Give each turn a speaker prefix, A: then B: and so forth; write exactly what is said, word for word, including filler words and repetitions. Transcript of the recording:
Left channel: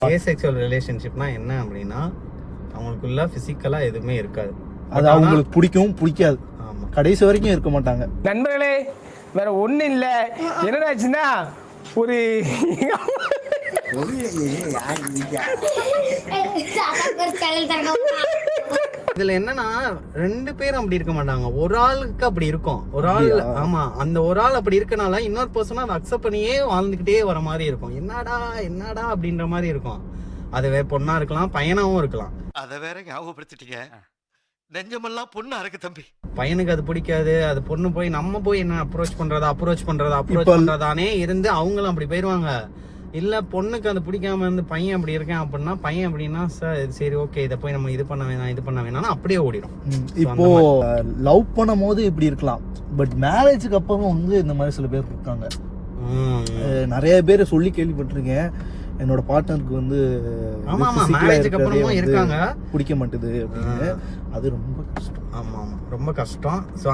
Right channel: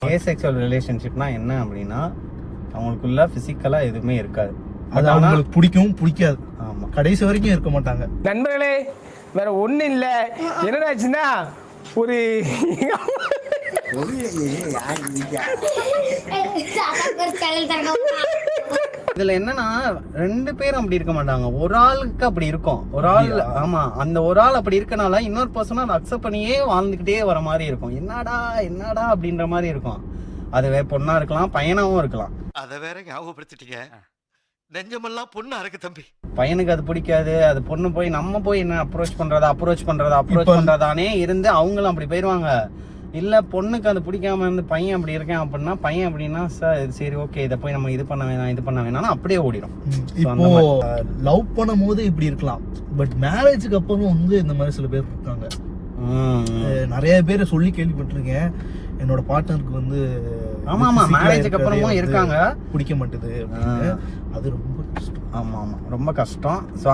A: Asexual ரிலேஷன்ஷிப்னா என்ன அப்படின்னா அவங்களுக்குள்ள பிசிக்கலா எதுவுமே இருக்காது,
B: அது அவங்களுக்கு பிடிக்கும் பிடிக்காது,
A: ஆமா
B: கடைசி வரைக்கும் இருக்க மாட்டாங்க.
C: நண்பர்களே வேற ஒண்ணு இல்ல, என்னடாச்சுன்னா ஒரு
A: இதுல என்னன்னா ரெண்டு பேரும் அப்படி இருக்க மாட்டாங்க, ஒரு ஆளுக்கு அப்படி இருக்கும், ஒரு ஆள் ஆமா அந்த ஒரு ஆள் அப்படி இருக்கனால இன்னொரு பர்சனும் அதை அக்செப்ட் பண்ணியே வாழ்ந்துகிட்டே வர மாதிரி இருக்கும். என்னடா என்னடா அப்படின்ற மாதிரி இருக்கும். அது பொண்ணா இருக்கலாம் பையனாவும் இருக்கலாம்.
D: அத வேற ஞாபகப்படுத்திட்டீங்க, நெஞ்சமெல்லாம் பொண்ணா இருக்கு தம்பி.
A: பையனுக்கு அது பிடிக்காது, அது பொண்ணு போய் நம்ம போய் என்ன அப்ரோச் பண்றதா அப்ரோச் பண்றதா அப்ரோச் பண்றதானே இருந்து அவங்களும் அப்படி போயிருவாங்க. இல்ல பொண்ணுக்கு அது பிடிக்காம இருந்து பையன் அப்படி இருக்கேன் அப்படின்னா பையன் அப்படின்னா சரி ஓகே இதை போய் நம்ம இது பண்ண வேணாம் இது பண்ண வேணாம் அப்படியே ஓடிடும்.
B: இப்போ லவ் பண்ணும் போது இப்படி இருக்கலாம், பட் மேரேஜுக்கு அப்புறம் வந்து இந்த மாதிரி சில பேர் இருக்காங்க. நிறைய பேர் சொல்லி கேள்விப்பட்டிருக்கேன், என்னோட பார்ட்னருக்கு வந்து
A: ஆமா ஆமா மேரேஜுக்கு அப்புறமும் இருக்காங்க
B: பிடிக்க மாட்டுது, அது ரொம்ப கஷ்டம்.
A: ஆமா ஆமா ரொம்ப கஷ்டம்.